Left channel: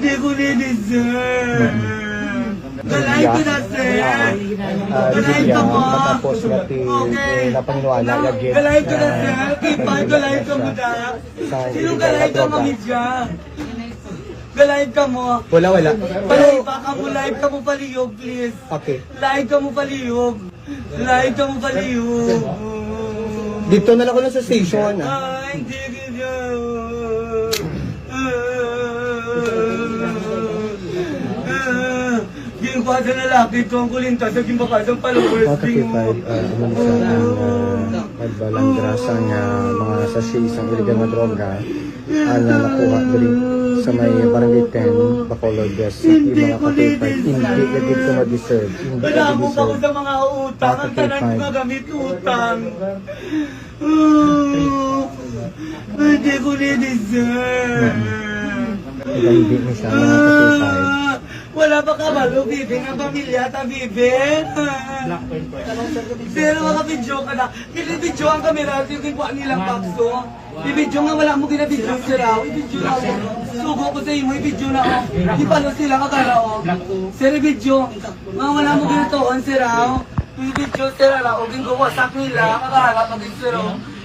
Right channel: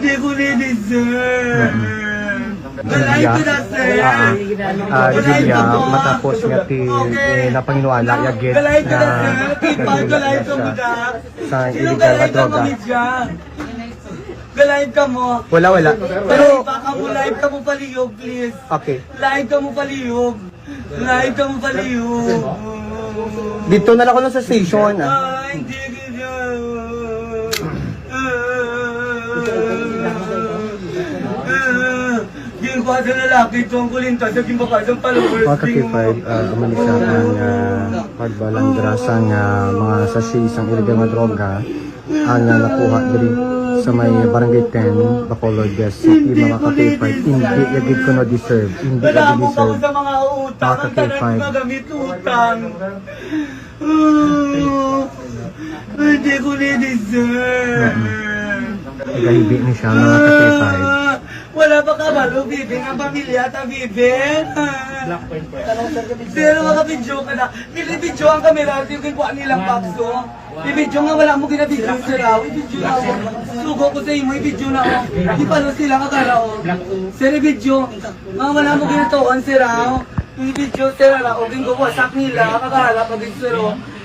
Hindi ko ni-deserve. Galay ko na, sir. Galay ka mo. Okay. Galay ko na, sir. Kipag galay ka mo na. Sinong galay ka mo, Midya? Galay ka mo. Wala. Live ka mo, live ka mo paliyog, please. Okay. Live ka mo paliyog. Live ka mo paliyog. Dito na lang ako lang sa station. Hindi ka. Yung kwa sa lalaki ito ang kulinta sa gimbakasang followers. Pakakipay, gumalit sa pagbalang grasa niya mga sa isang illegal na droga ang nakuha diri sa may barangay 10, Bacolod Des. Hindi ko Hindi ko na-deserve. Wala mo pa ko sa mga utang. Ang tanan ko magamit utang. Hindi ko na-deserve. Hindi na siya nakakipay. Wala pa ka balo, Bibing, ang pamilya ta, Bibing. Pero makabidyo ka na. Nilibidyo ang kamera, yung buwan nilang pakso. Ibidyo nga wala mo ginabidyo, sir. Ibidyo na ako. Sugo ko sa imo, ibidyo na ako. Di pa na sila kakarao. Sir, ibidyo. Mga wala mo ginatoon, sir. Ibidyo, sir. O gingo wasak nila, kakala pag sir.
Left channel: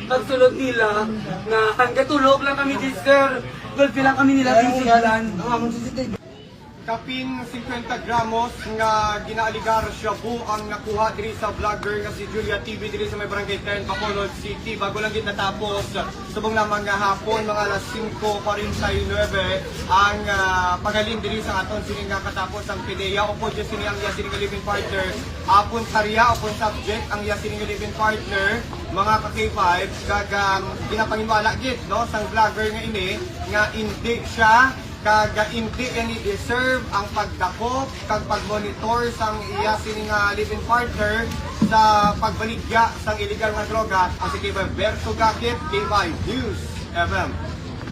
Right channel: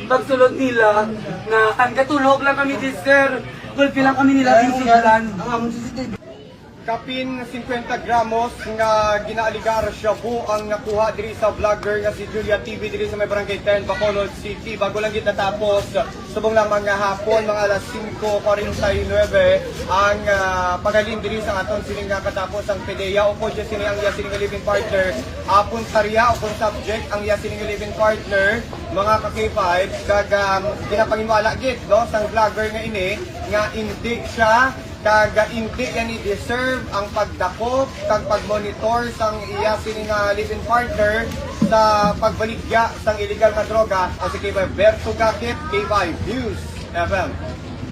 Pagsulod nila, na ang katulog lang kami, sir. Gulpi lang kami nila, bisigalan. Ang among susitid. Kapin 50 gramos nga ginaaligar shabu ang nakuha diri sa vlogger nga si Julia TV diri sa may barangay 10 Bacolod City. Bago lang gid natapos subong na mga hapon mga alas 5:49 ang paghalin diri sa aton sini nga katapos ang PDEA upo jud sini ang iya sini nga living partner apon sarya upon subject ang iya sini nga living partner mga ka-K5 kag ginapangimala gid no sang vlogger nga ini nga hindi siya kaga hindi yan i-deserve ang pagdakop kag pagmonitor sang iya sini nga living partner sa pagbaligya sang illegal nga droga o si K5 Berto Gakit, K5 News FM.